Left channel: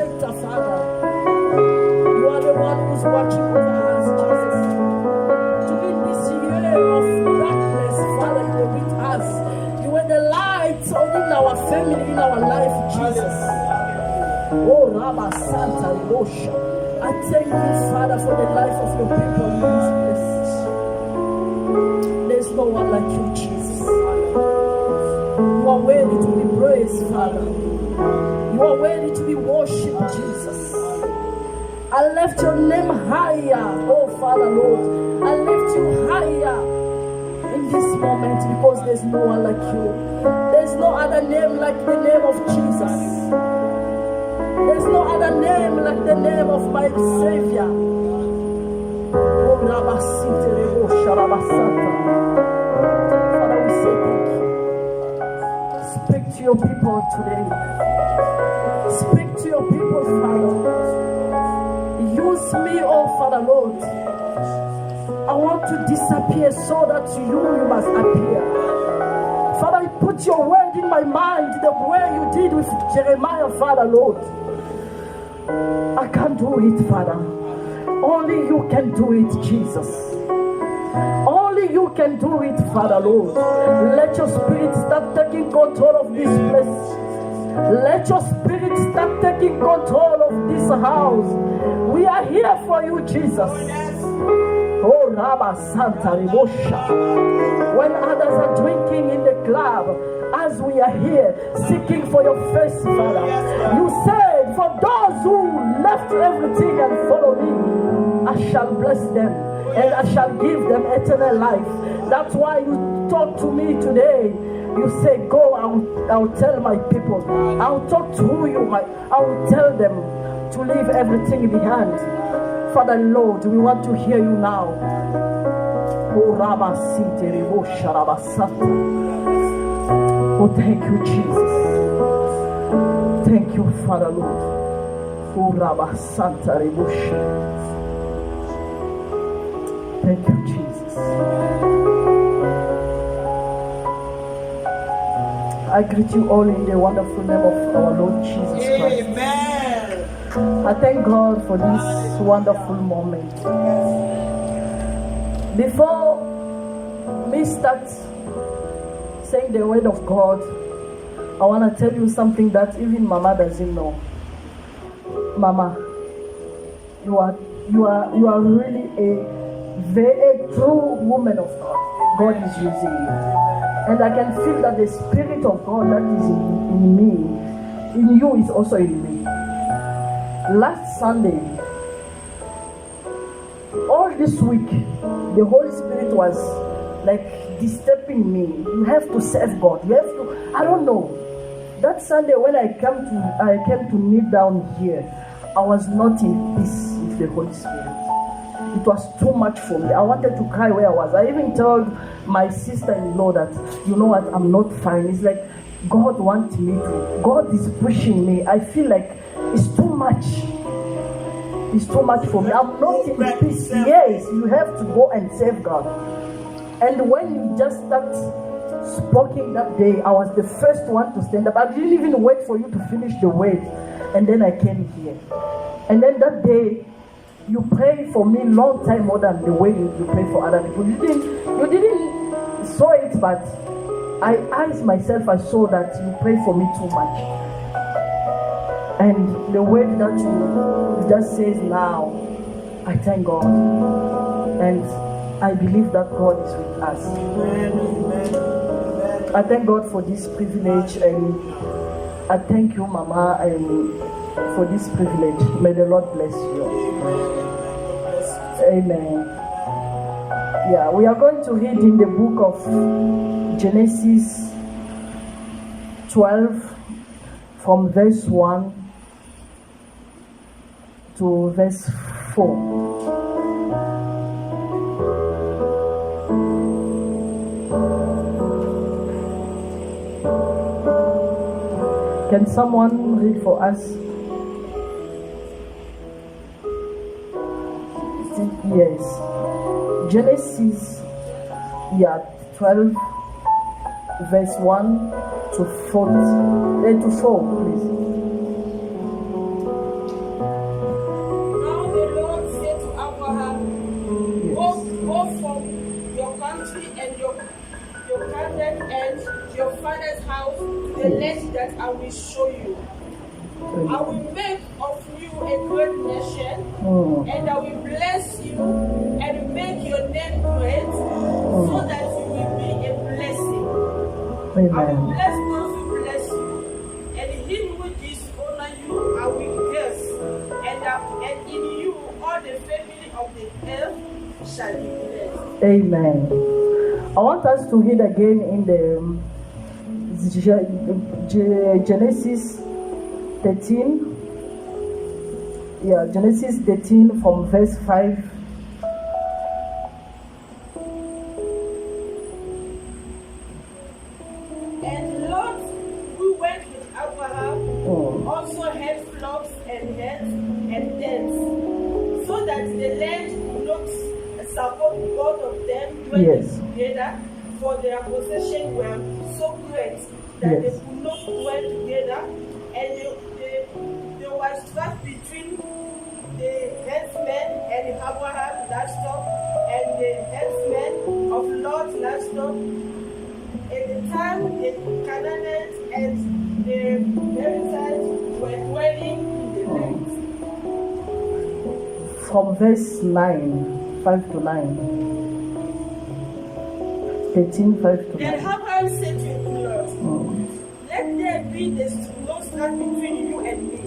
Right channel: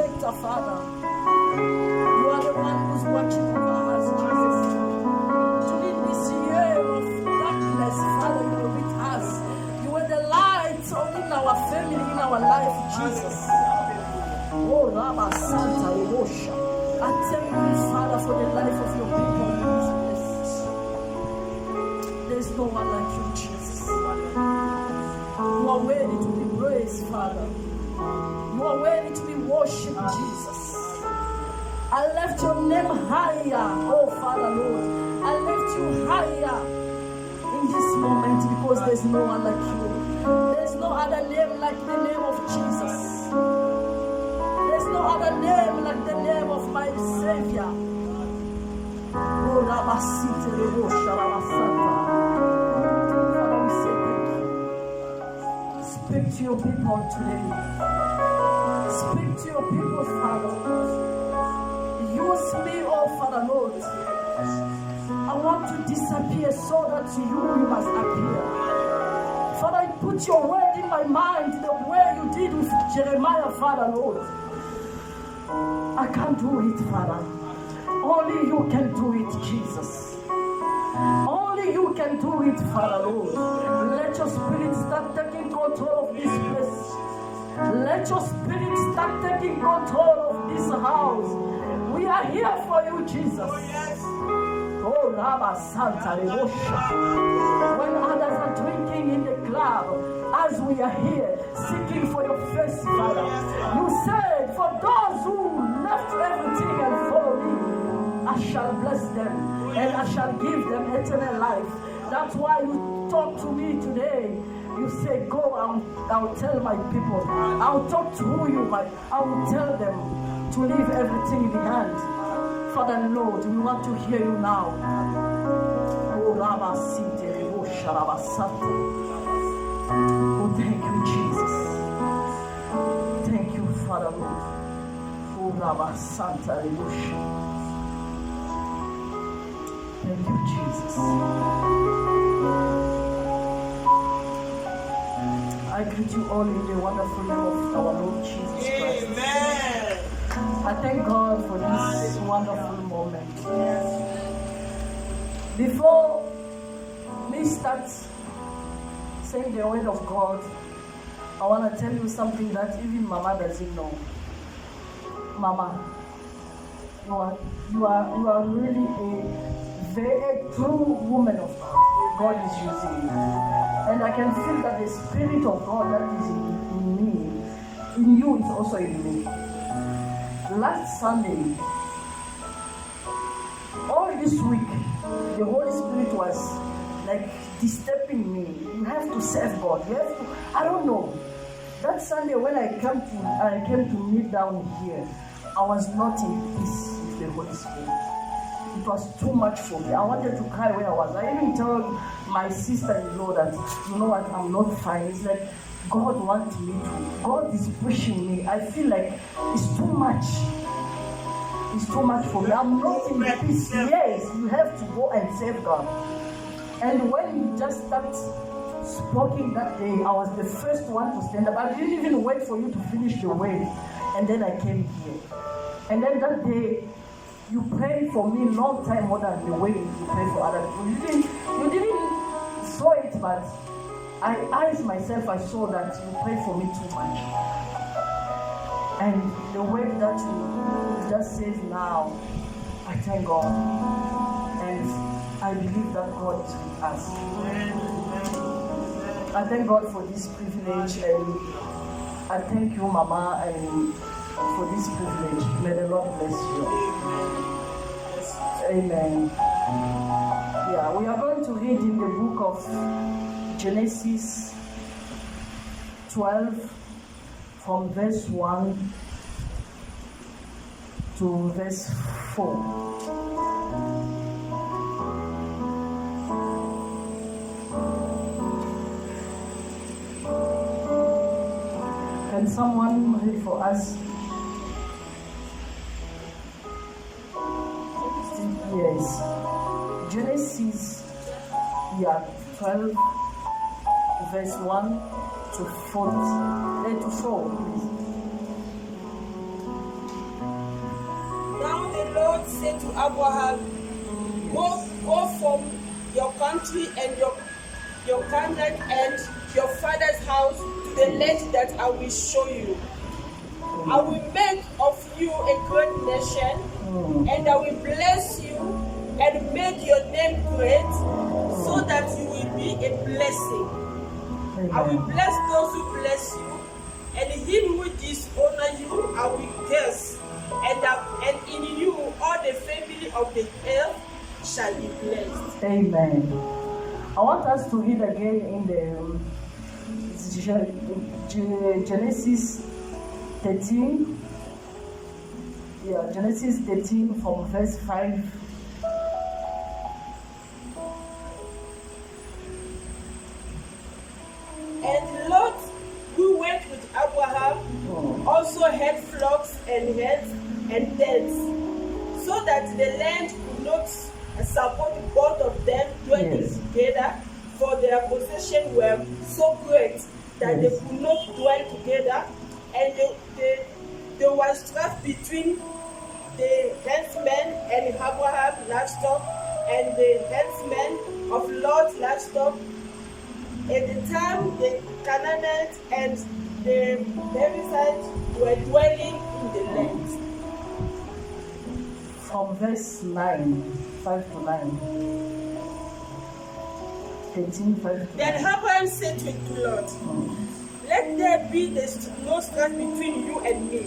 protector, Father. You are the one who's watching over us, Jesus. During this year of darkness, Father, you were with us. You were the light in our family, in our life, Jesus. Oh, Rabba Santa Rosha. I thank you, Father, for the life of your people in this place. There's no one like you, Jesus. You are worthy to be praised, Father. You are worthy to be worshipped, Jesus. I lift your name higher, oh Father, Lord. I lift you higher in this moment because there's no one like you. There's no other name like the name of Jesus. There's no other name like the name of my Savior. Oh, Rabasite Rebosha Rabasanta. Father, we say thank you. Speak to your people today. Speak to your people, Father. Use me, oh Father, Lord. I want to disappear so that you must appear. Father, I put your word in my mind the way you did with Jeremiah, Father, Lord. I can't do it, Father. Only you can do it, Jesus. Only you can do it, Father, Lord. Let your spirit start taking control of this place. Let your spirit start taking control of this house. We are here for you, Jesus. Oh, Rabba Santa Ribosha. When others are drinking in the club, as we are here seeking for your face, Father, you said, for those who left everything and follow me, I shall bless them and I shall give them eternal life. That's why you talk to me today. You say, go, I'll tell my people. I'll talk to you. I will tell them to leave everything behind. Father, Lord, we want to hear you now. Oh, Rabba Sinte Rebosha Rabba Santa. Oh, thank you, Jesus. Thank you, Father, Lord. Oh, Rabba Santa Rebosha. Thank you, Jesus. I greet you all in the wonderful name of our Lord Jesus Christ. Amen. I thank God for this wonderful moment. Before me start saying the word of God, I want to tell you something that even Mama doesn't know. Mama, you are really a very true woman of God. God is using you. And I can feel that the Spirit of God that is in me, in you, is also in me. Last Sunday, all this week, the Holy Spirit was like disturbing me. You have to serve God. You have to, I don't know. That Sunday when I came to kneel down here, I was not in peace with the Holy Spirit. It was too much for me. I wanted to cry where I was. I even told my sister-in-law that, you know what, I'm not fine. It's like God wants me to. God is pushing me. I feel like it's too much. It's too much for me. I'm not in peace. Yes, you have to go and save God. And when you just start speaking that day, I was the first one to stand up. I didn't even wait for you to finish the word. And then I came here. And then that day, you prayed for me long time more than the way you pray for other people. You didn't saw it, but I myself, I saw that you pray for me too much. And the word that you just says now, I thank God. And I believe that God is with us. I thank God for this privilege, and I thank you, Mama, and for this privilege. May the Lord bless you. Amen. Yeah, we are going to read in the book of Genesis 12 from verse 1 to verse 4. Can someone read for us? Yes. Genesis 12 verse 1 to 4, please. Abraham, go from your country and your kindred and your father's house to the land that I will show you. I will make of you a great nation, and I will bless you and make your name great, so that you will be a blessing. Amen. I will bless those who bless you, and him who dishonor you I will curse, and in you all the family of the earth shall be blessed. Amen. I want us to read again in the Genesis 13. Yeah, Genesis 13 from verse 5. And Lot, who went with Abraham, also had flocks and herds and tents, so that the land could not support both of them dwelling together, for their possessions were so great that they could not dwell together, and there was strife between the herdsmen and Abraham's livestock and the herdsmen of Lot's livestock. At the time, the Canaanites and the Perizzites were dwelling in the land. From verse 9, 5 to 9. 13, 5 to 9. Then Abraham said to the Lord, let there be no strife between you and me,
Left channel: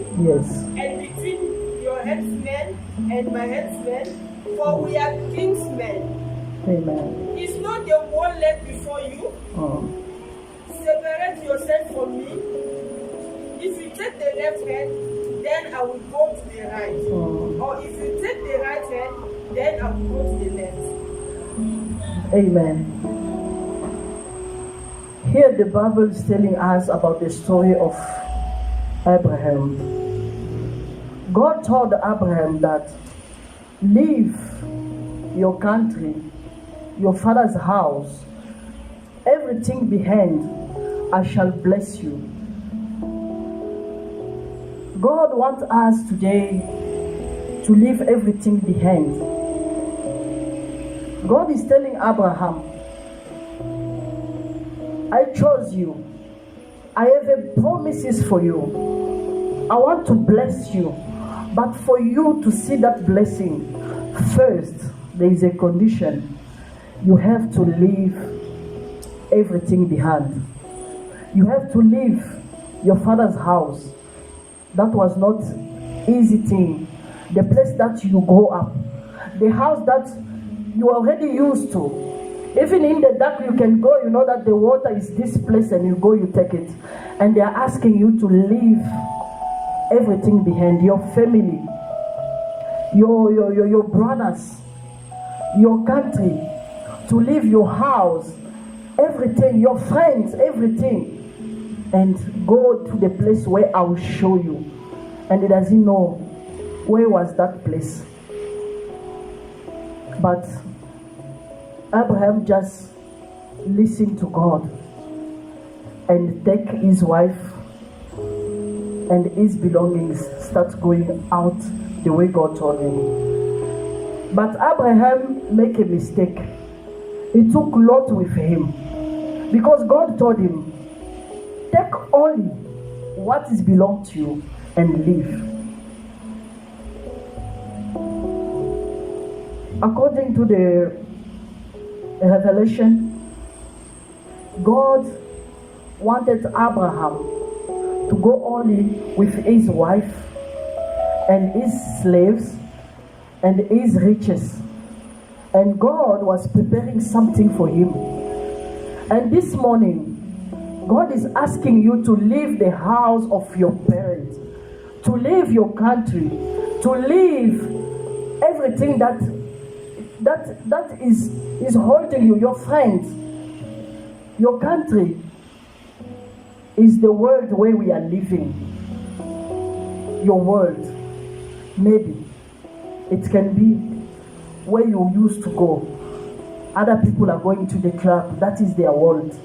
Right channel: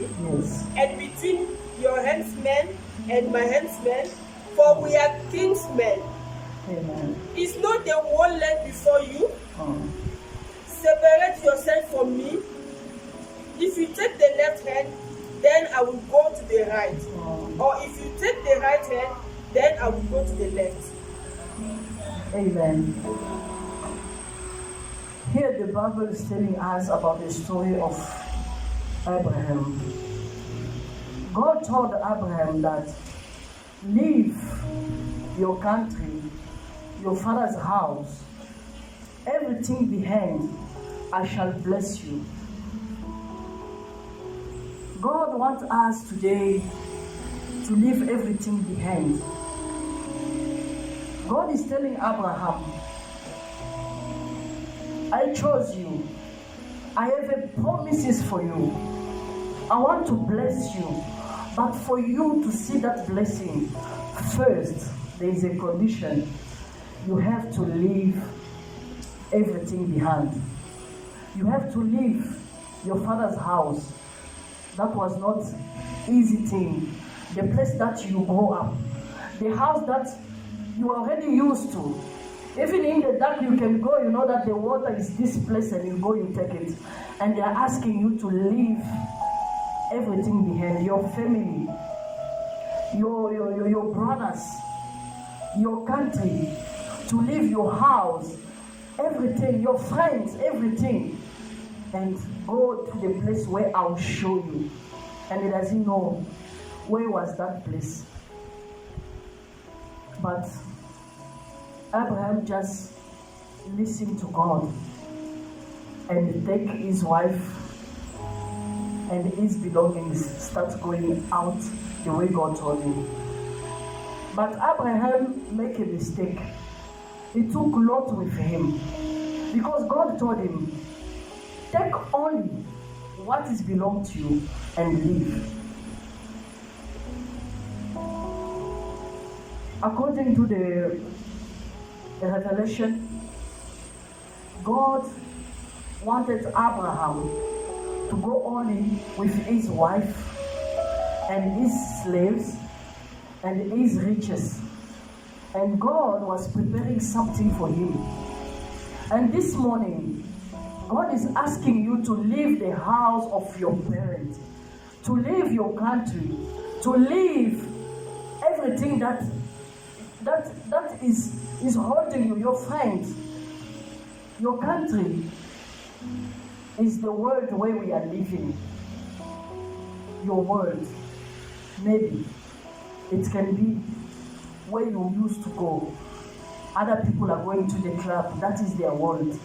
and between your headsmen and my headsmen, for we are kinsmen. Amen. Is not the whole land before you? Separate yourself from me. If you take the left hand, then I will go to the right. Or if you take the right hand, then I will go to the left. Amen. Here the Bible is telling us about the story of Abraham. God told Abraham that leave your country, your father's house, everything behind, I shall bless you. God wants us today to leave everything behind. God is telling Abraham, I chose you. I have promises for you. I want to bless you. But for you to see that blessing, first, there is a condition. You have to leave everything behind. You have to leave your father's house. That was not easy thing. The place that you grow up. The house that you are already used to. Even in the dark you can go, you know that the water is this place and you go, you take it. And they are asking you to leave everything behind. Your family, your brothers, your country, to leave your house, everything, your friends, everything, and go to the place where I will show you. And he doesn't know where was that place. But Abraham just listened to God and take his wife and his belongings, start going out the way God told him. But Abraham make a mistake. He took Lot with him because God told him, take only what is belong to you and leave. According to the Revelation, God wanted Abraham to go only with his wife and his slaves and his riches. And God was preparing something for him. And this morning, God is asking you to leave the house of your parents, to leave your country, to leave everything that is holding you, your friends. Your country is the world where we are living. Your world, maybe it can be where you used to go. Other people are going to the club, that is their world.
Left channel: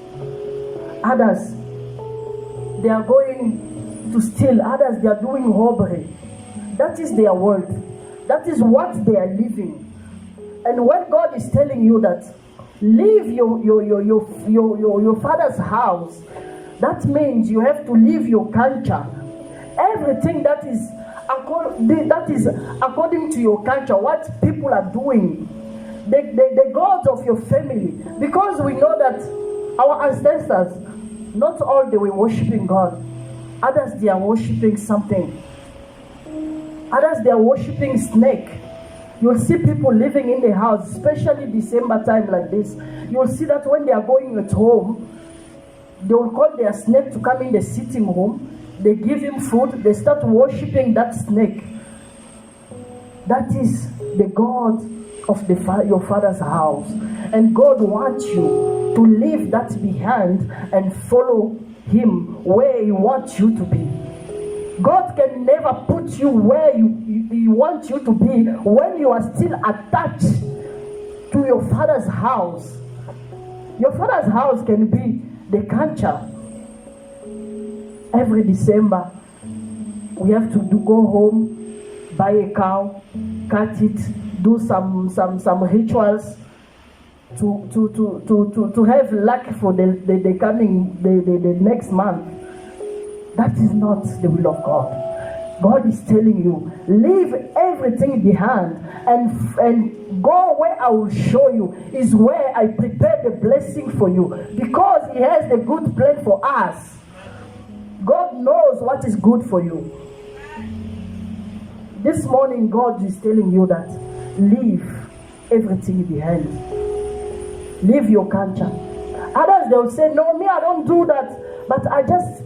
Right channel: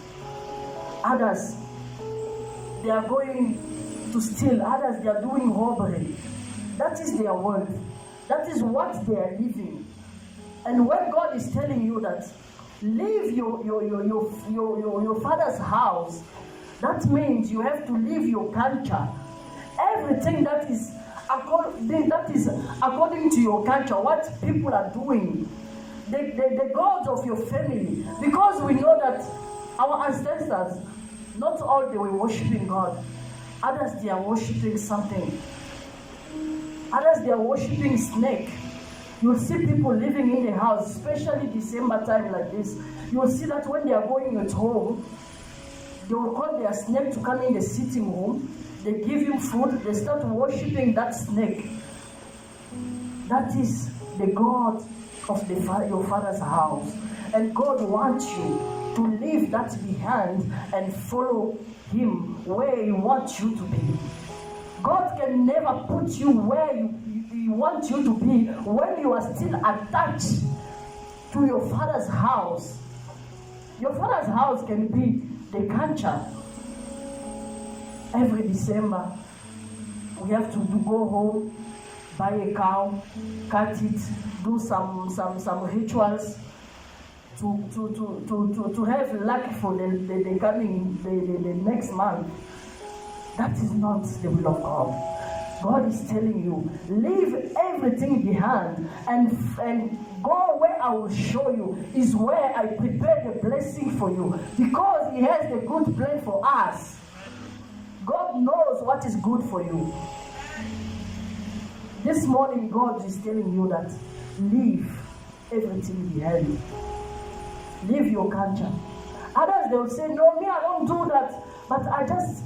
Others, they are going to steal. Others, they are doing robbery. That is their world. That is what they are living. And when God is telling you that leave your father's house, that means you have to leave your culture. Everything that is according to your culture, what people are doing, the gods of your family. Because we know that our ancestors, not all they were worshiping God. Others they are worshiping something. Others they are worshiping snake. You'll see people living in the house, especially December time like this. You'll see that when they are going at home, they will call their snake to come in the sitting room. They give him food. They start worshiping that snake. That is the God of your father's house. And God wants you to leave that behind and follow him where he wants you to be. God can never put you where he wants you to be when you are still attached to your father's house. Your father's house can be the culture. Every December, we have to go home, buy a cow, cut it, do some rituals to have luck for the next month. That is not the will of God. God is telling you, leave everything behind and go where I will show you, is where I prepare the blessing for you, because he has the good plan for us. God knows what is good for you. This morning, God is telling you that leave everything behind. Leave your culture. Others, they will say, no, me, I don't do that, but I just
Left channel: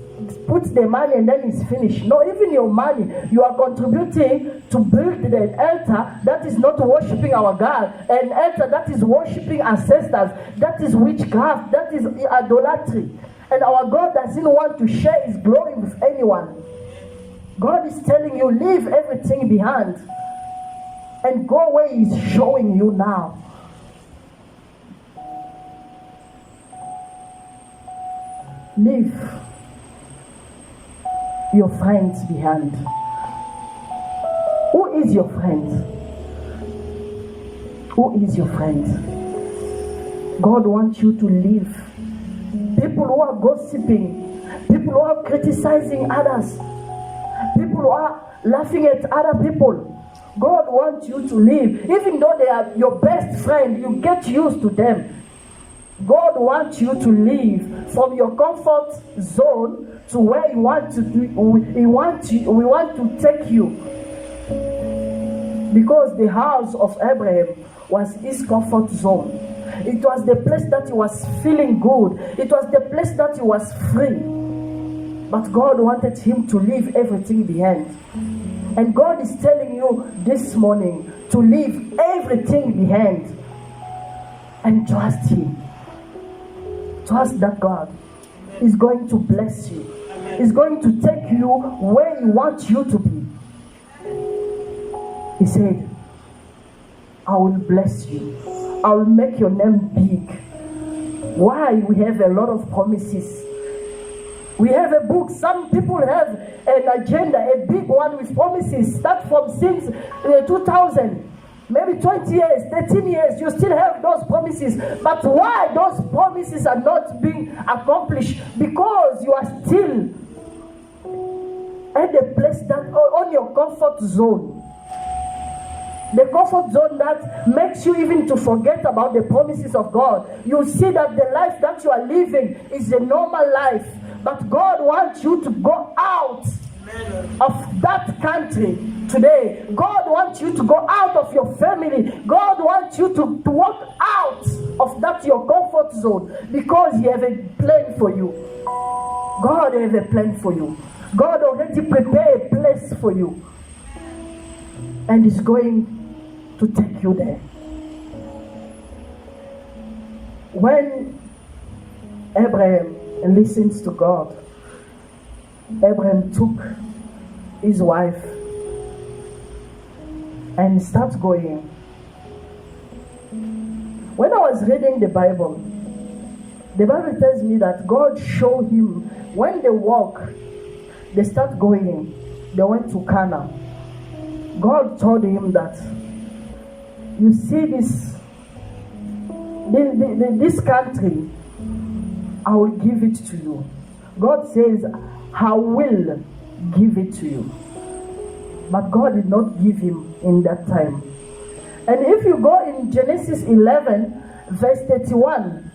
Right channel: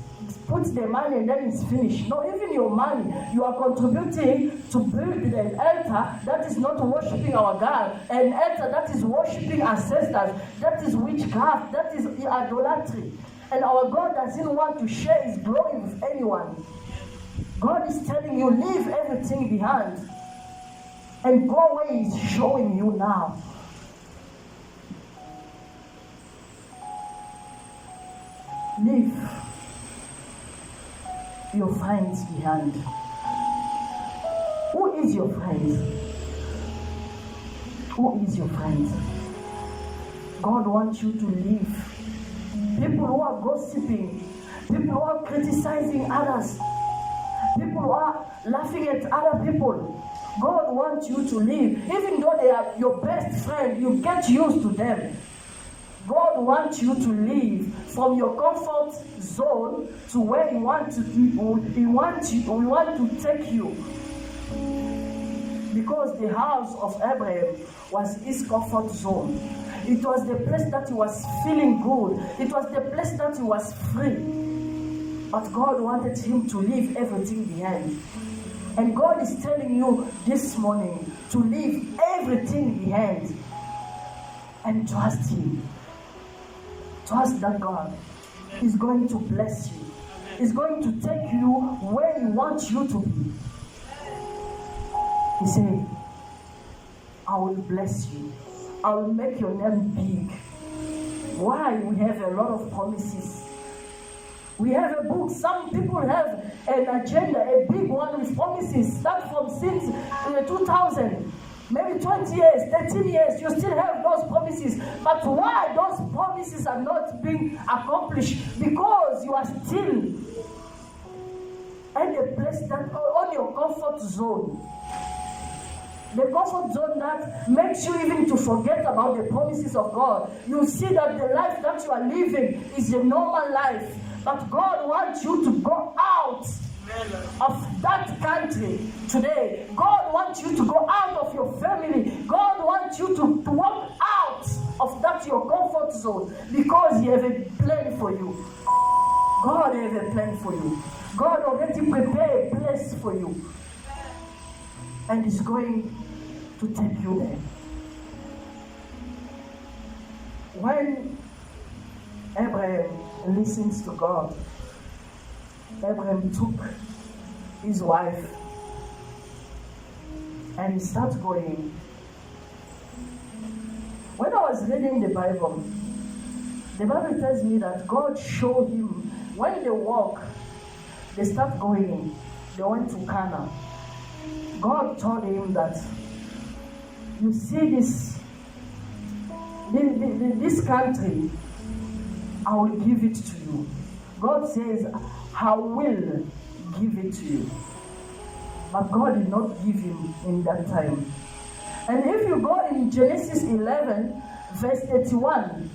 put the money and then it's finished. No, even your money, you are contributing to build an altar that is not worshiping our God, an altar that is worshiping ancestors, that is witchcraft, that is idolatry. And our God doesn't want to share his glory with anyone. God is telling you, leave everything behind and go where he's showing you now. Leave your friends behind. Who is your friend? Who is your friend? God wants you to leave people who are gossiping, people who are criticizing others, people who are laughing at other people. God wants you to leave. Even though they are your best friend, you get used to them. God wants you to leave from your comfort zone to where He wants to we want to take you. Because the house of Abraham was his comfort zone. It was the place that he was feeling good. It was the place that he was free. But God wanted him to leave everything behind. And God is telling you this morning to leave everything behind and trust Him. Trust that God is going to bless you. He's going to take you where He wants you to be. He said, I will bless you. I will make your name big. Why? We have a lot of promises. We have a book. Some people have an agenda, a big one with promises. Start from since 2000. Maybe 20 years, 13 years, you still have those promises. But why those promises are not being accomplished? Because you are still at a place that on your comfort zone. The comfort zone that makes you even to forget about the promises of God. You see that the life that you are living is a normal life. But God wants you to go out of that country today. God wants you to go out of your family. God wants you to walk out of that your comfort zone, because He has a plan for you. God has a plan for you. God already prepared a place for you, and is going to take you there. When Abraham listens to God, Abraham took his wife and started going. When I was reading the Bible tells me that God showed him when they walk, they start going. They went to Canaan. God told him that, you see this country, I will give it to you. God says, I will give it to you. But God did not give him in that time. And if you go in Genesis 11, verse 31,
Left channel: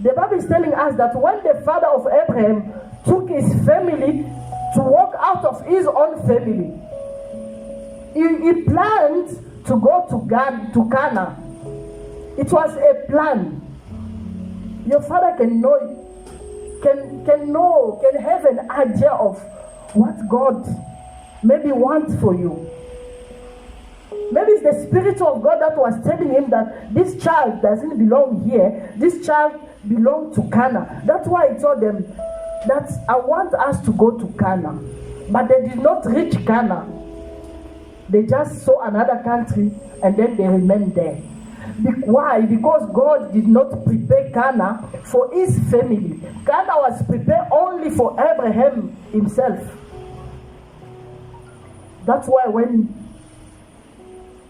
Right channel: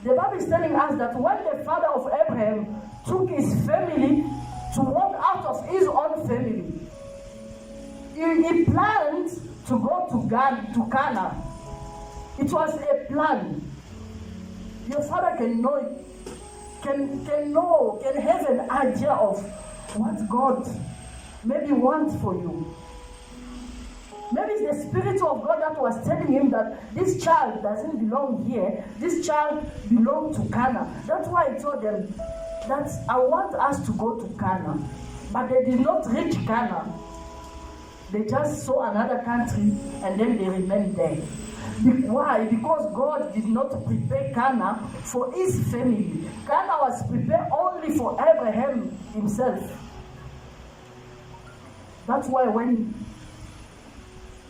the Bible is telling us that when the father of Abraham took his family to walk out of his own family, he planned to go to Canaan. It was a plan. Your father can have an idea of what God maybe wants for you. Maybe it's the Spirit of God that was telling him that this child doesn't belong here. This child belongs to Canaan. That's why he told them that I want us to go to Canaan. But they did not reach Canaan. They just saw another country and then they remained there. Why? Because God did not prepare Canaan for his family. Canaan was prepared only for Abraham himself. That's why when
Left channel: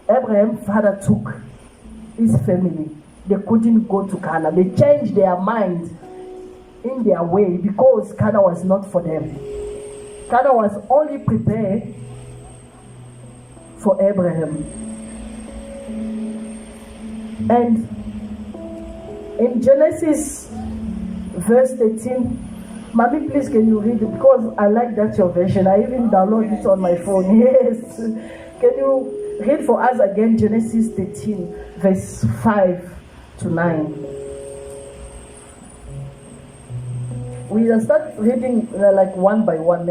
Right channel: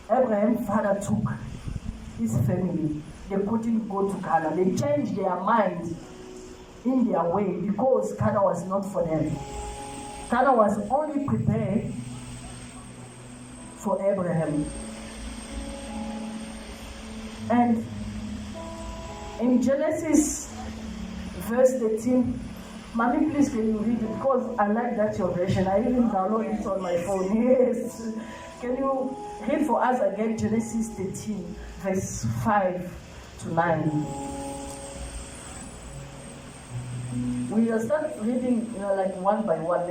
Abraham's father took his family, they couldn't go to Canaan. They changed their mind in their way because Canaan was not for them. Canaan was only prepared for Abraham. And in Genesis verse 13, Mommy, please can you read it? Because I like that your version. I even download it on my phone. Yes. Can you read for us again Genesis 13, verse 5 to 9? We will start reading like one by one,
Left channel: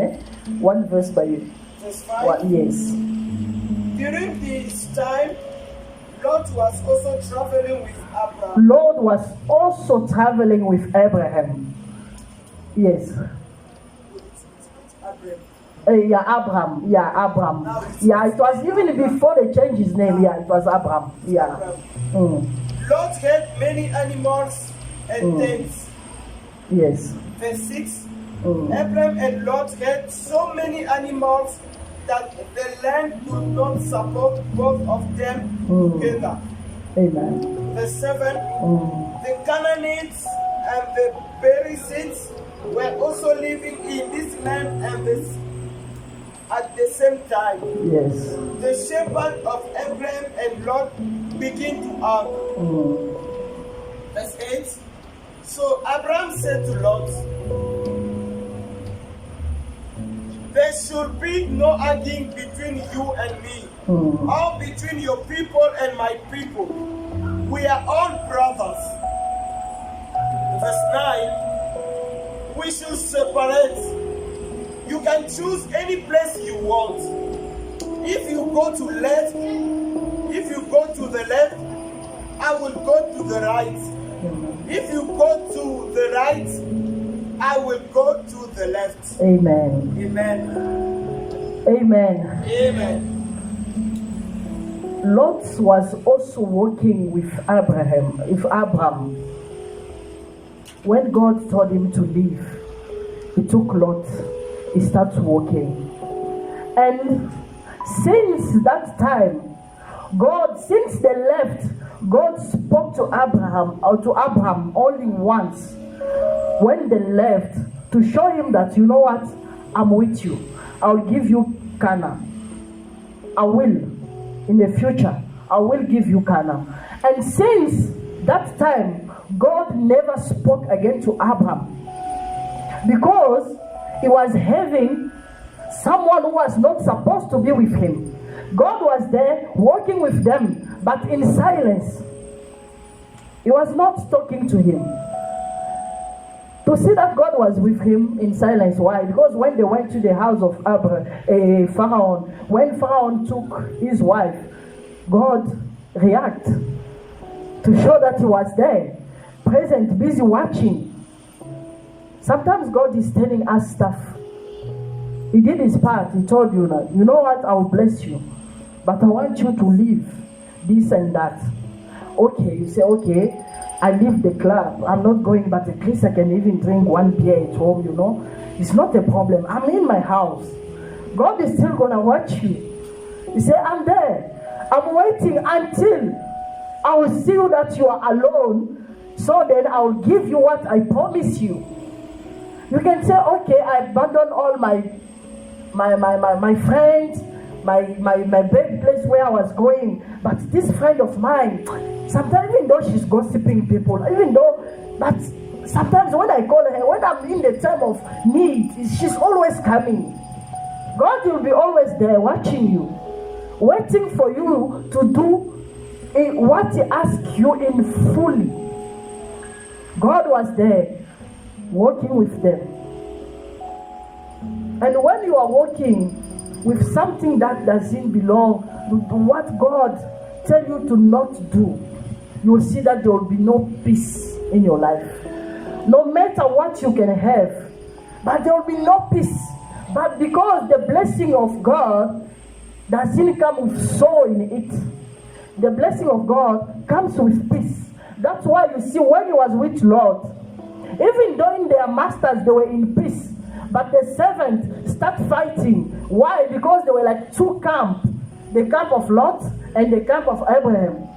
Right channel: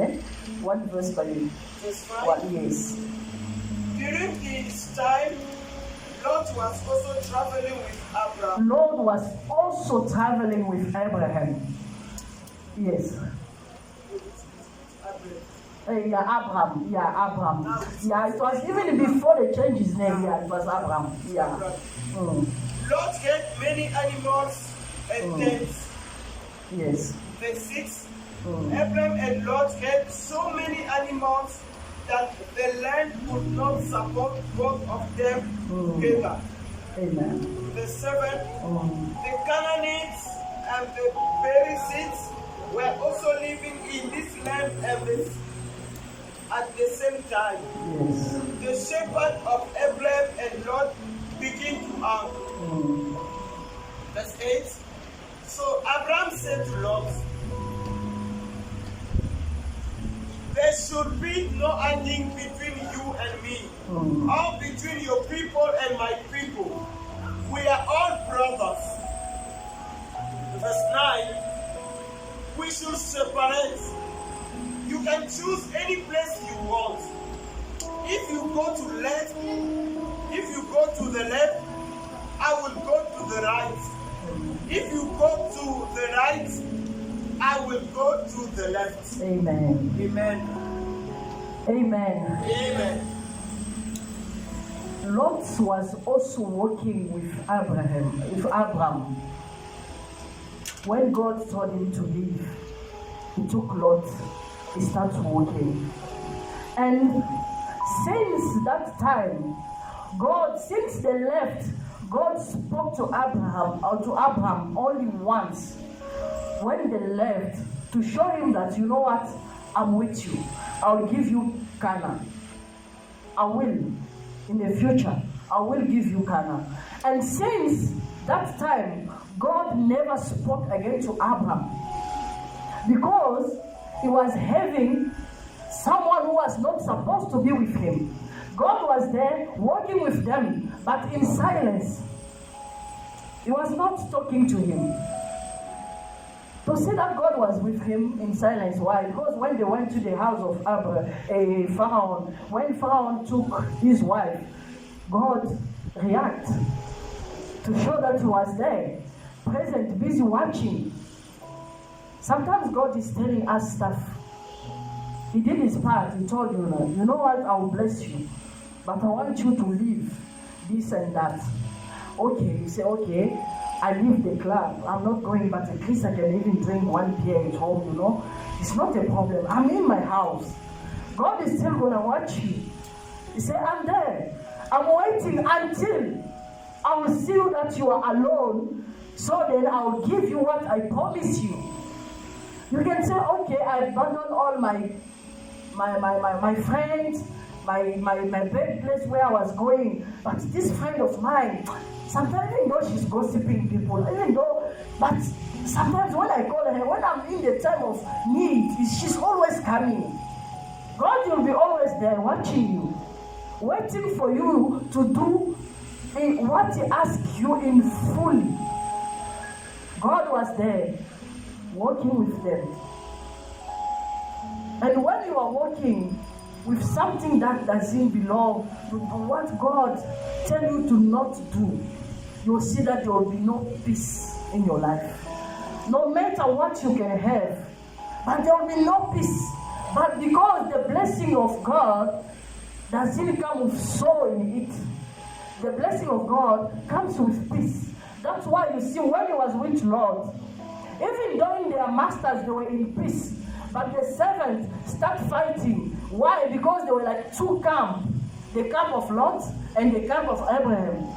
one verse by verse 5? one. Yes. During this time, Lot was also traveling with Abraham. Lord was also traveling with Abraham. Yes. Abraham. Yeah, it was even before they changed his name. Yeah, it was Abraham. Yeah. Lot had many animals and tents. Yes. Verse 6. Abraham and Lot had so many animals that the land could not support both of them together. Amen. Verse 7. The Canaanites and the Perizzites were also living in this land and at the same time. Yes. The shepherd of Abraham and Lot began to argue. Verse 8. So Abraham said to Lot, there should be no arguing between you and me, or between your people and my people. We are all brothers. Verse 9. We should separate. You can choose any place you want. If you go to the left, I will go to the right. If you go to the right, I will go to the left. Amen. Amen. Amen. Amen. Lot was also walking with Abraham. When God told him to leave, he took Lot. He started walking. And since that time, since they left, God spoke to Abraham only once. When they left, to show him that, you know what, I'm with you. I'll give you Canaan. I will. In the future, I will give you Canaan. And since that time, God never spoke again to Abraham. Because he was having someone who was not supposed to be with him. God was there working with them, but in silence. He was not talking to him. To see that God was with him in silence. Why? Because when they went to the house of Pharaoh, when Pharaoh took his wife, God reacted to show that he was there, present, busy watching. Sometimes God is telling us stuff. He did his part. He told you, you know what, I will bless you, but I want you to leave this and that. Okay, you say, okay, I leave the club. I'm not going, but at least I can even drink one beer at home, It's not a problem. I'm in my house. God is still going to watch you. He said, I'm there. I'm waiting until I will see you that you are alone, so then I will give you what I promise you. You can say, okay, I abandoned all my friends, my big place where I was going. But this friend of mine, sometimes even though she's gossiping people, but sometimes when I call her, when I'm in the time of need, she's always coming. God will be always there watching you, waiting for you to do what He asks you in fully. God was there, working with them. And when you are working with something that doesn't belong to what God tells you to not do, you will see that there will be no peace in your life. No matter what you can have, but there will be no peace. But because the blessing of God doesn't come with sorrow in it, the blessing of God comes with peace. That's why you see when he was with Lord, even though in their masters they were in peace, but the servants start fighting. Why? Because they were like two camps, the camp of Lot and the camp of Abraham.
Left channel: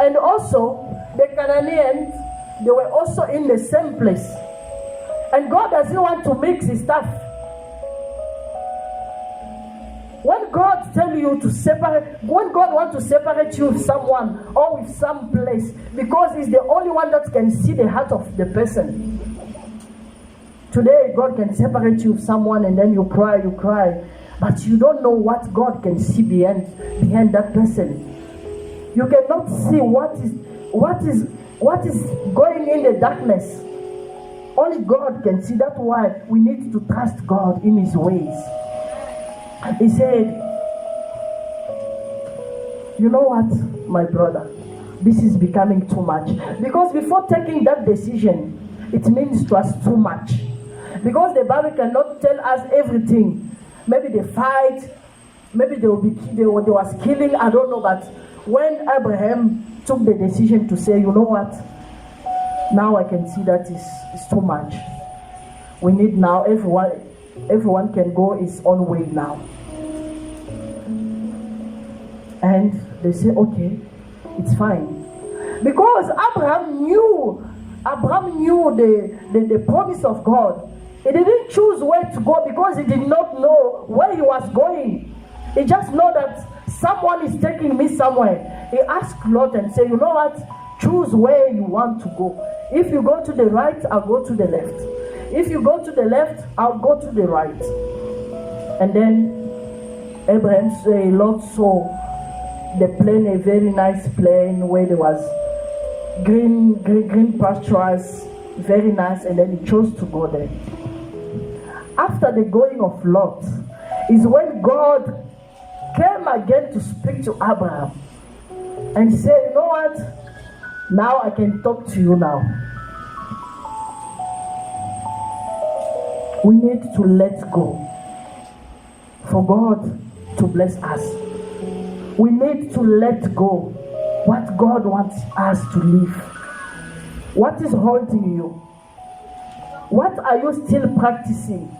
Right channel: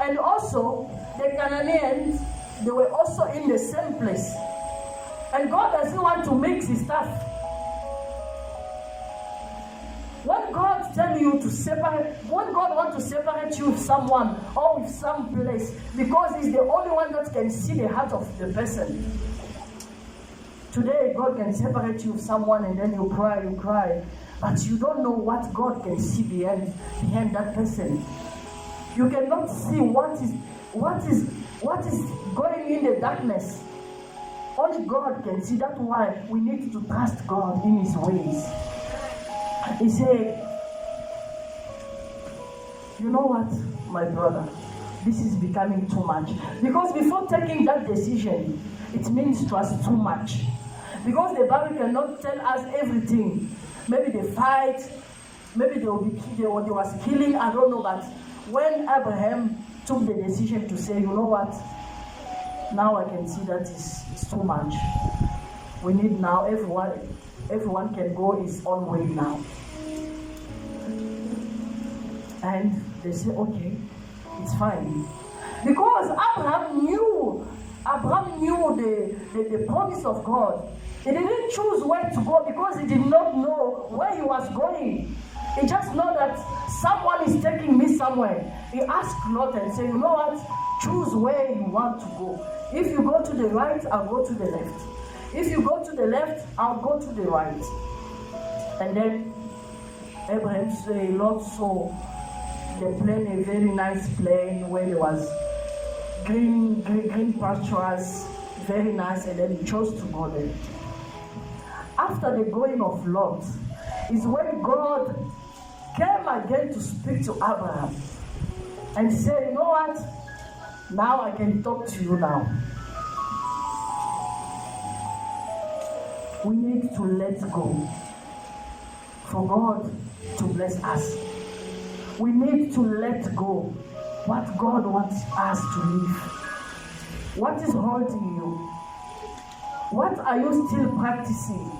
And also the Canaanians, they were also in the same place. And God doesn't want to mix his stuff. When God tells you to separate, when God wants to separate you with someone or with some place, because he's the only one that can see the heart of the person. Today, God can separate you with someone and then you cry, but you don't know what God can see behind that person. You cannot see what is going in the darkness. Only God can see. That's why we need to trust God in his ways. He said, you know what, my brother, this is becoming too much. Because before taking that decision, it means to us too much. Because the Bible cannot tell us everything. Maybe they fight, maybe there was killing, I don't know. But when Abraham took the decision to say, you know what, now I can see that it's too much. We need now, everyone can go his own way now. And they say, okay, it's fine. Because Abraham knew the promise of God. He didn't choose where to go because he did not know where he was going. He just know that someone is taking me somewhere. He asked Lot and said, you know what? Choose where you want to go. If you go to the right, I'll go to the left. If you go to the left, I'll go to the right. And then Abraham said, Lot saw the plain, a very nice plain where there was green pastures, very nice, and then he chose to go there. After the going of Lot is when God came again to speak to Abraham and say, you know what? Now I can talk to you now. We need to let go for God to bless us. We need to let go what God wants us to live. What is holding you? What are you still practicing?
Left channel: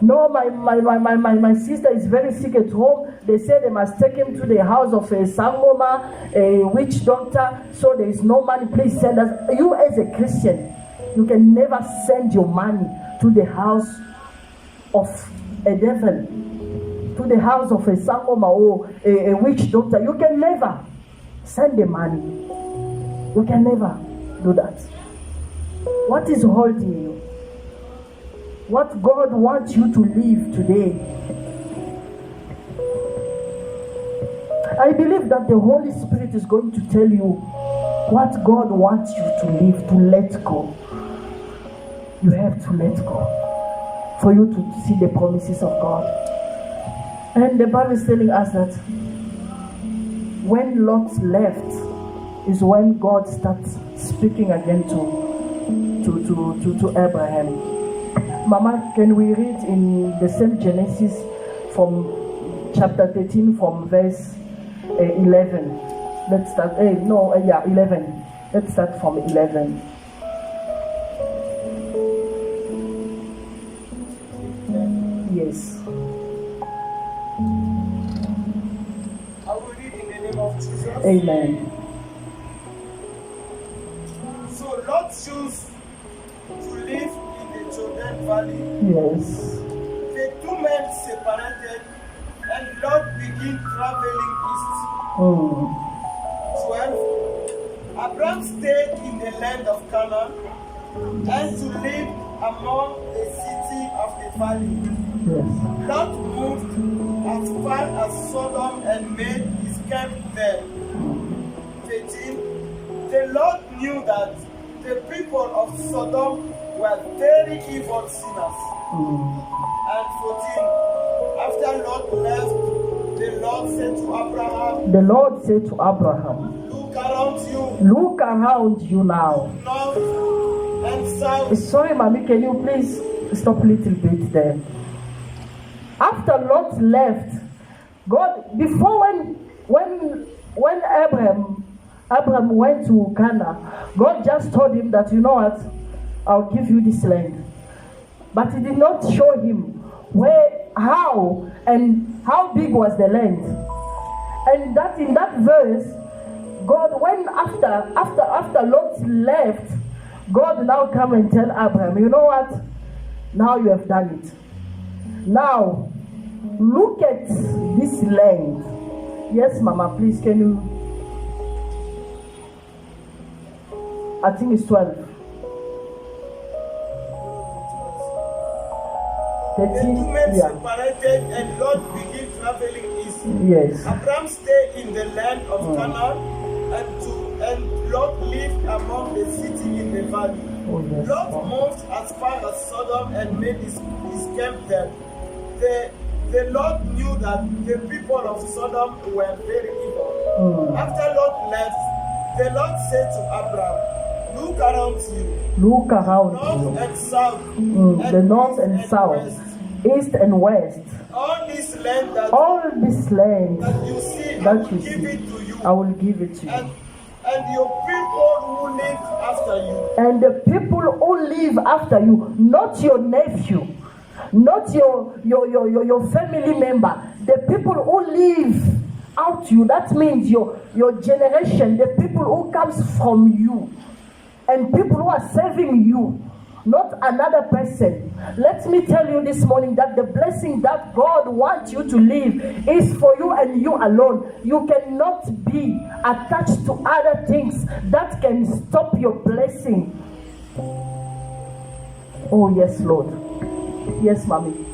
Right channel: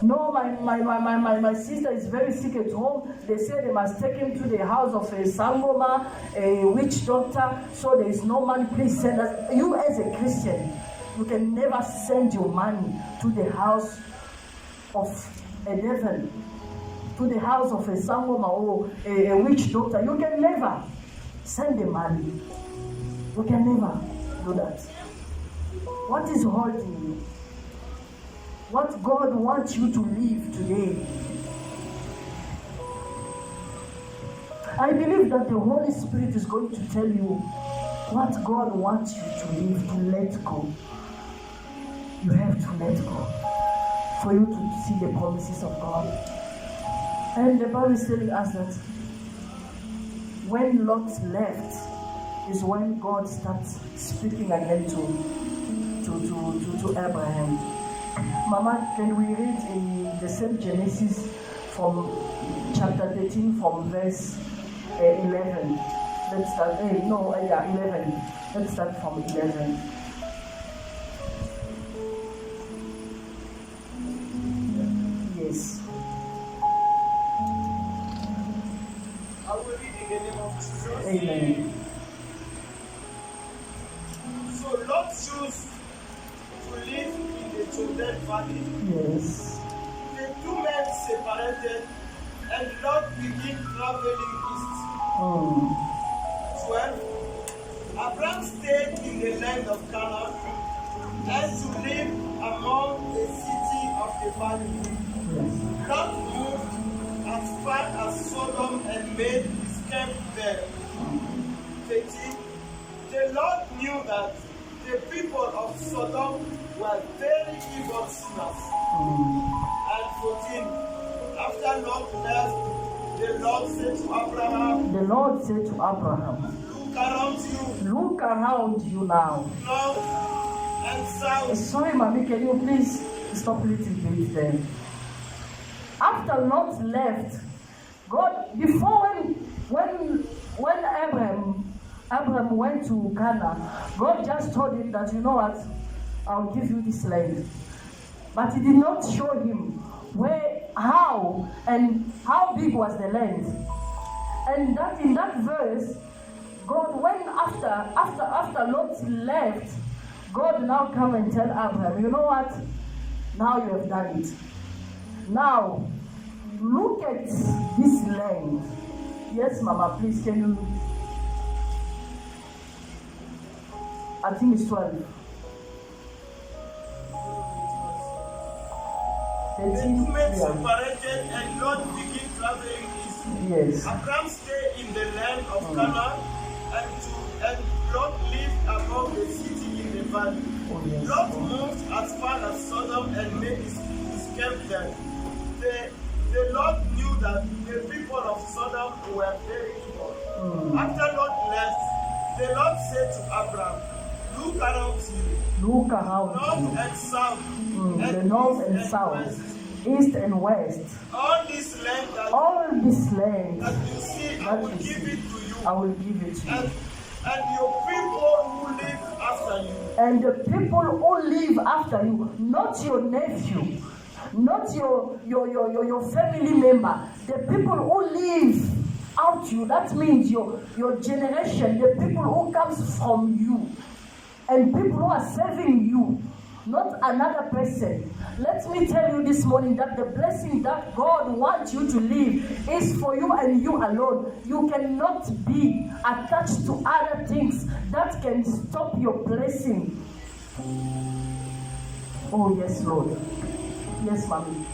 No, my sister is very sick at home. They say they must take him to the house of a sangoma, a witch doctor, so there is no money. Please send us. You as a Christian, you can never send your money to the house of a devil, to the house of a sangoma or a witch doctor. You can never send the money. You can never do that. What is holding you? What God wants you to live today. I believe that the Holy Spirit is going to tell you what God wants you to live, to let go. You have to let go for you to see the promises of God. And the Bible is telling us that when Lot left is when God starts speaking again to Abraham. Mama, can we read in the same Genesis from chapter 13 from verse 11? Let's start. 11. Let's start from 11. Yes. Amen. So Lot chose to live in the Jordan Valley. Yes. The two men separated, and Lot began traveling east. 12. Abraham stayed in the land of Canaan and to live among the city of the valley. Yes. Lot moved as far as Sodom and made his camp there. 13. The Lord knew that the people of Sodom were very evil sinners. And 14. After Lot left, the Lord said to Abraham, Look around you. Look around you now. North and south. Sorry, Mommy, can you please stop a little bit there? After Lot left, God, before when Abraham went to Canaan, God just told him that, you know what, I'll give you this land. But he did not show him how big was the land. And that in that verse, God, when after Lot left, God now come and tell Abraham, you know what? Now you have done it. Now, look at this land. Yes, Mama, please, can you? I think it's 12. 13, the two men yeah. separated and Lot began traveling east. Yes. Abraham stayed in the land of Canaan and Lot lived among the city in the valley. Oh, yes. Lot moved as far as Sodom and made his camp there. The Lord knew that the people of Sodom were very evil. After Lot left, the Lord said to Abraham, Look around you. Look around north you. And south. The north and south. West. East and west. All this land that you see, I will give it to you. I will give it to you. And your people who live after you. And the people who live after you, not your nephew, not your family member, the people who live out you, that means your generation, the people who comes from you, and people who are serving you, not another person. Let me tell you this morning that the blessing that God wants you to live is for you and you alone. You cannot be attached to other things that can stop your blessing. Oh yes, Lord. Yes, Mommy.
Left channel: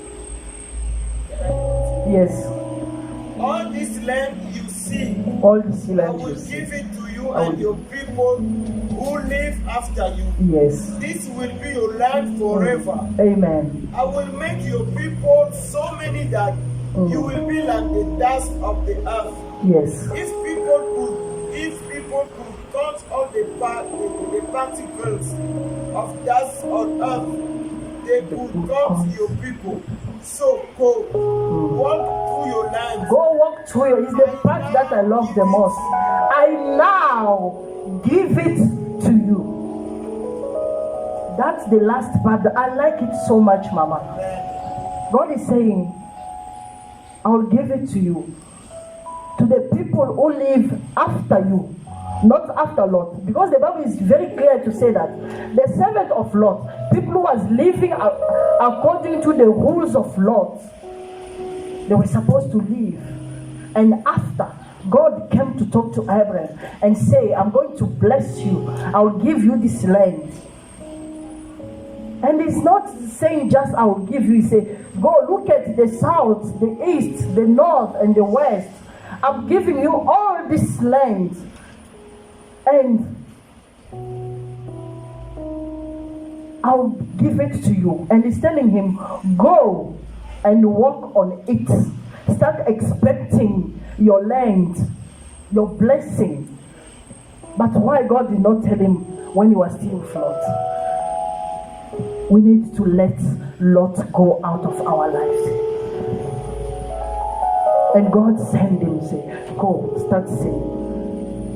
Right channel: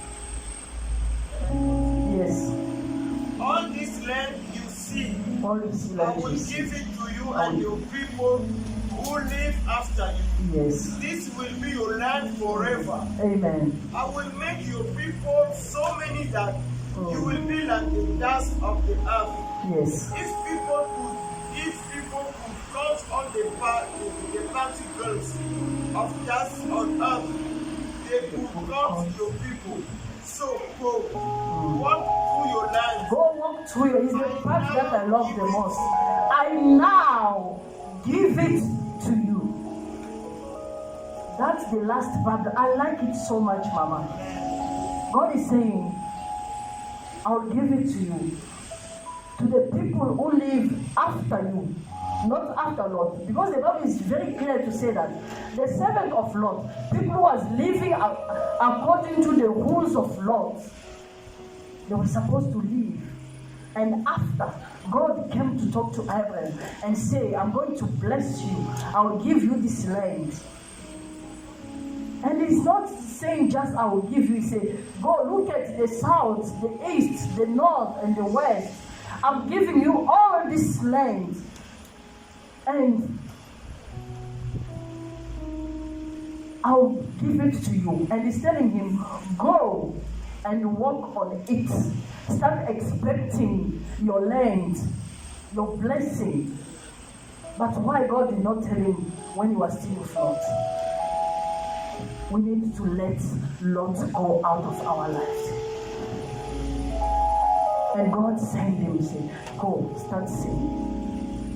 Yes. All this land you see, all this land I will give it to you and your people who live after you. Yes. This will be your land forever. Amen. I will make your people so many that you will be like the dust of the earth. Yes. If people could count all the particles of dust on earth, they could count your people. So go, walk through your land. Go walk through your. It's the part that I love the most. I now give it to you. That's the last part. I like it so much, Mama. God is saying, I'll give it to you. To the people who live after you, not after Lot. Because the Bible is very clear to say that the servant of Lot, people who was living according to the rules of Lot, they were supposed to live. And after, God came to talk to Abraham and say, I'm going to bless you. I'll give you this land. And he's not saying just I will give you. He say, go look at the south, the east, the north, and the west. I'm giving you all this land. And I'll give it to you. And he's telling him, go and walk on it. Start expecting your land, your blessing. But why God did not tell him when he was still in Lot? We need to let Lot go out of our lives. And God sent him, say, go, start singing.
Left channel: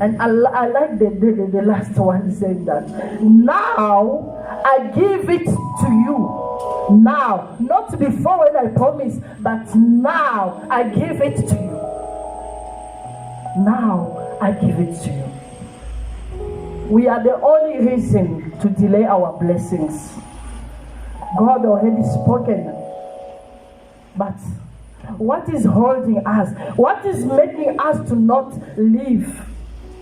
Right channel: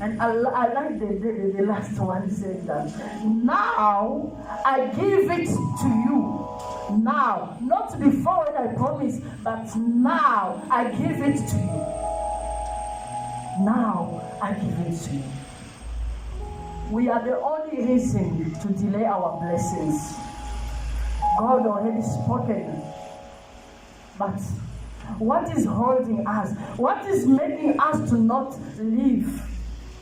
And I like the last one saying that. Now I give it to you. Now, not before when I promised, but now I give it to you. Now I give it to you. We are the only reason to delay our blessings. God already spoken. But what is holding us? What is making us to not live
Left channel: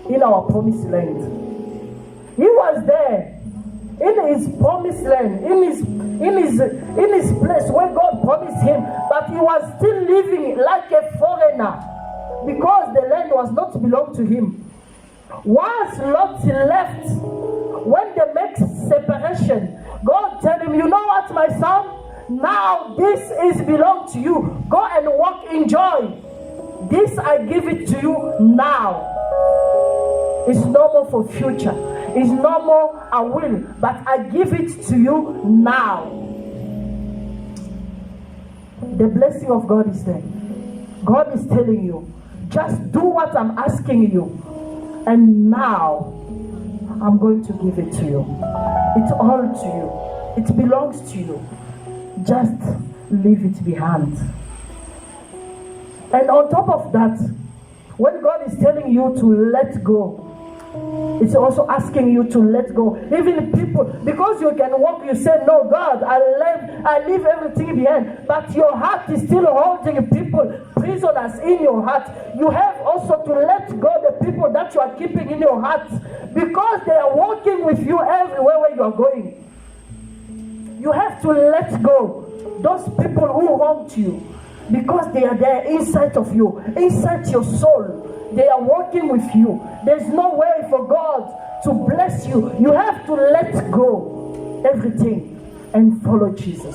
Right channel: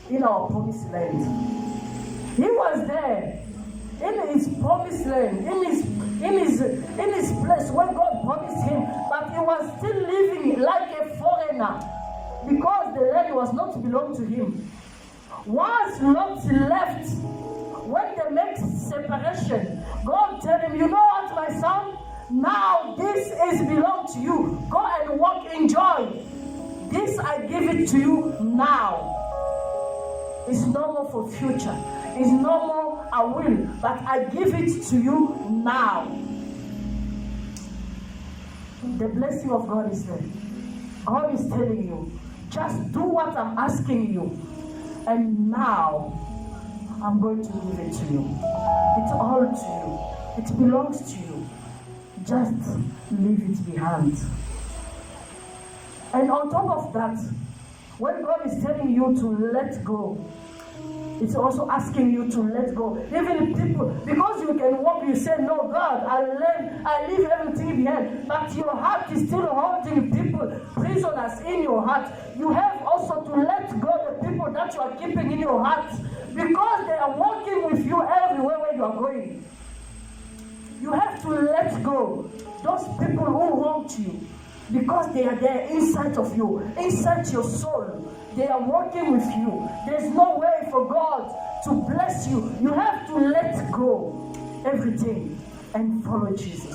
in our promised land? He was there in his promised land, in his place where God promised him, but he was still living like a foreigner because the land was not belong to him. Once Lot left, when they make separation, God tell him, you know what, my son? Now this is belong to you. Go and walk in joy. This I give it to you now. It's no more for future. It's no more I will, but I give it to you now. The blessing of God is there. God is telling you, just do what I'm asking you. And now, I'm going to give it to you. It's all to you. It belongs to you. Just leave it behind. And on top of that, when God is telling you to let go, it's also asking you to let go. Even people, because you can walk, you say, no, God, I leave everything behind. But your heart is still holding people, prisoners in your heart. You have also to let go the people that you are keeping in your heart, because they are walking with you everywhere where you are going. You have to let go those people who haunt you, because they are there inside of you, inside your soul. They are working with you. There's no way for God to bless you. You have to let go everything and follow Jesus.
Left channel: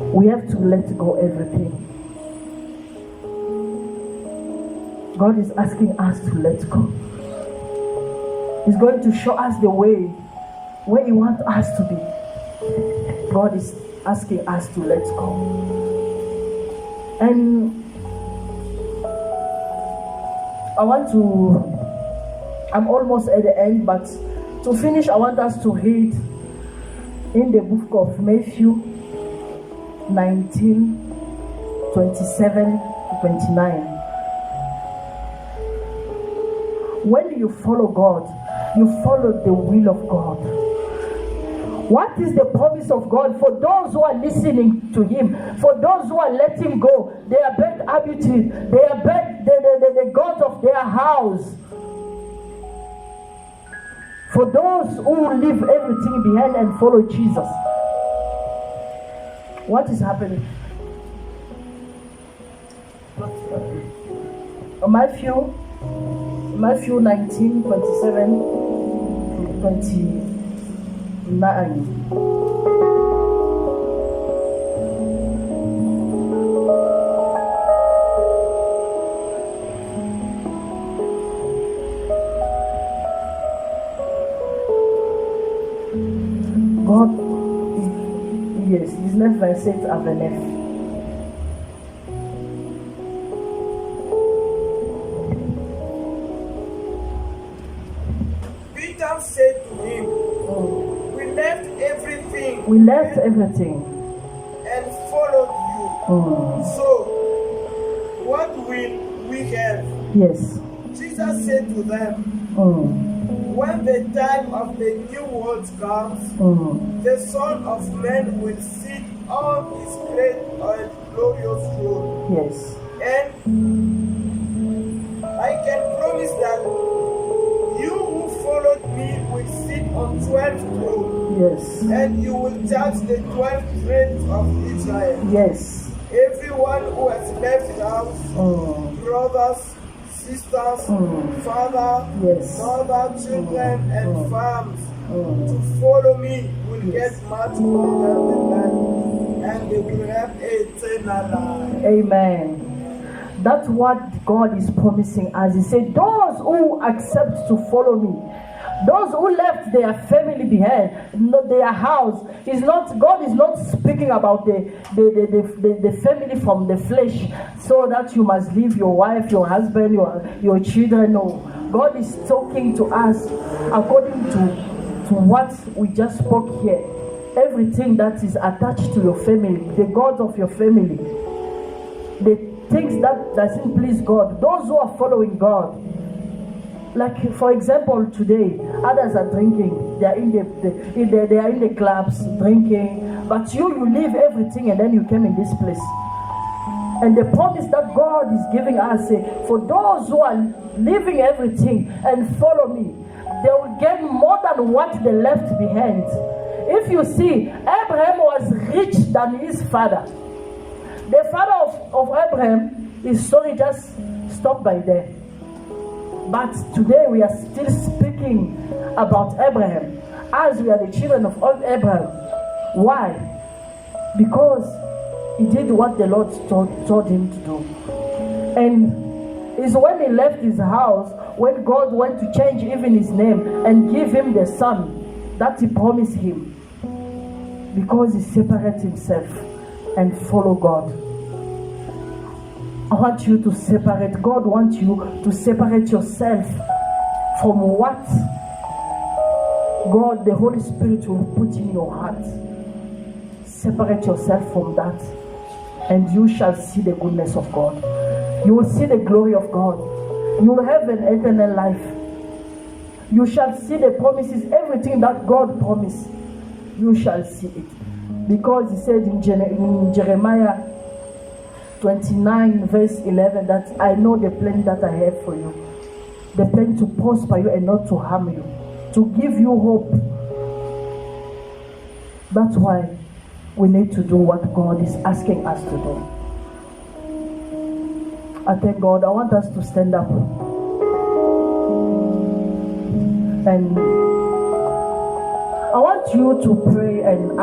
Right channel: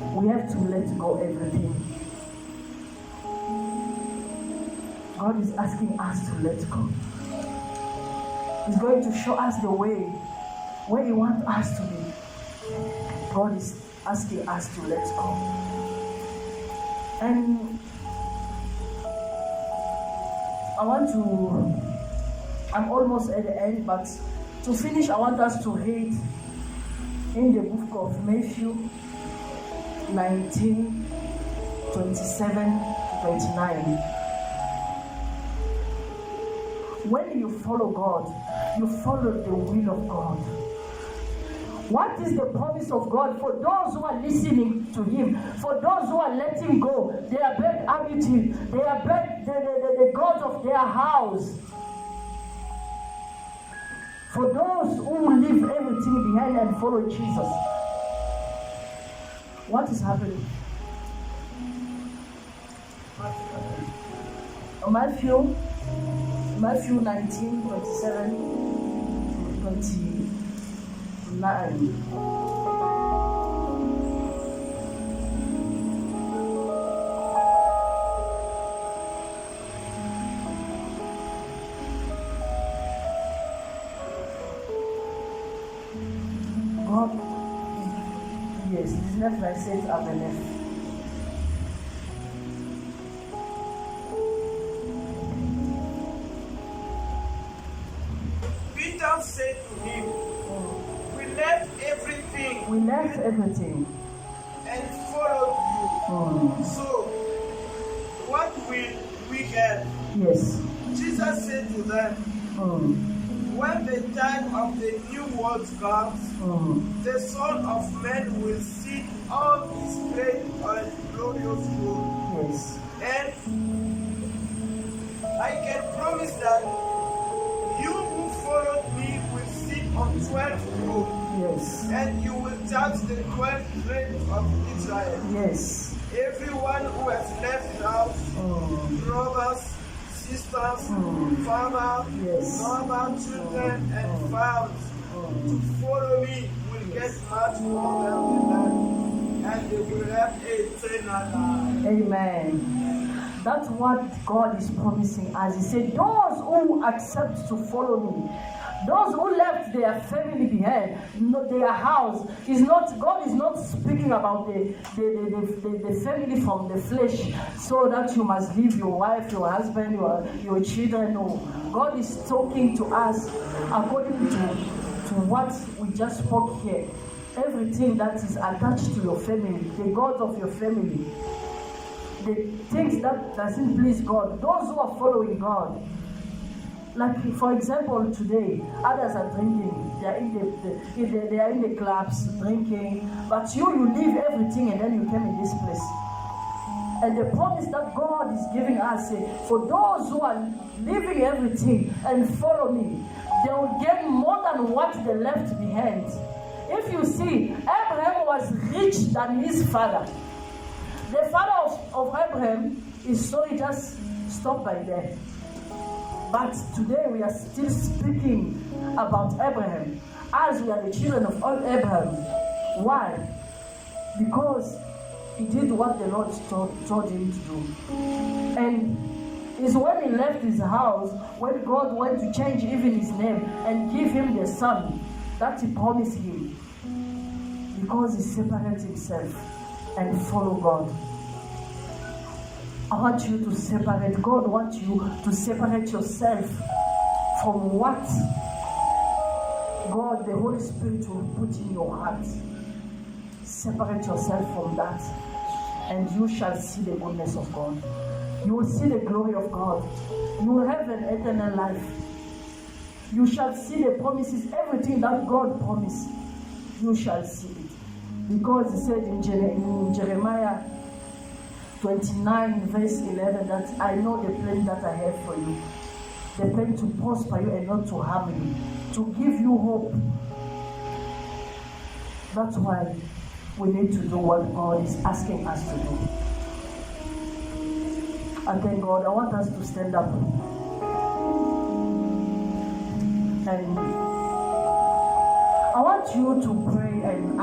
We have to let go everything. God is asking us to let go. He's going to show us the way where He wants us to be. God is asking us to let go. And I'm almost at the end, but to finish, I want us to read in the book of Matthew 19:27-29. When you follow God, you follow the will of God. What is the promise of God for those who are listening to Him? For those who are letting go their bad habits, their bad the gods of their house. For those who leave everything behind and follow Jesus. What is happening? Matthew 19:27-29. God, yes, 19:27-29. Peter said to him, We left everything and followed you. So, what will we have? Yes. Jesus said to them, When the time of the new world comes, the Son of Man will sit on his great and glorious throne. Yes. And I can promise that you who followed me will sit on 12 thrones. Yes. And you will judge the 12 tribes of Israel. Yes. Everyone who has left house, brothers, sisters, father, mother, children, and farms to follow me will get much more than the land, and they will have eternal life. Amen. That's what God is promising us. He said, those who accept to follow me, those who left their family behind, not their house, God is not speaking about the family from the flesh, so that you must leave your wife, your husband, your children. No. God is talking to us according to what we just spoke here. Everything that is attached to your family, the gods of your family, the things that doesn't please God. Those who are following God. Like for example, today others are drinking. They are in the clubs drinking. But you leave everything and then you came in this place. And the promise that God is giving us, for those who are leaving everything and follow me, they will get more than what they left behind. If you see, Abraham was rich than his father. The father of Abraham, his story just stopped by there. But today we are still speaking about Abraham as we are the children of Abraham. Why? Because he did what the Lord told him to do. And it's when he left his house, when God went to change even his name and give him the son that he promised him. Because he separated himself and follow God. I want you to separate. God wants you to separate yourself from what God, the Holy Spirit, will put in your heart. Separate yourself from that, and you shall see the goodness of God. You will see the glory of God. You will have an eternal life. You shall see the promises, everything that God promised. You shall see it. Because he said in Jeremiah 29 verse 11 that I know the plan that I have for you. The plan to prosper you and not to harm you. To give you hope. That's why we need to do what God is asking us to do. I thank God. I want us to stand up. And I want you to pray and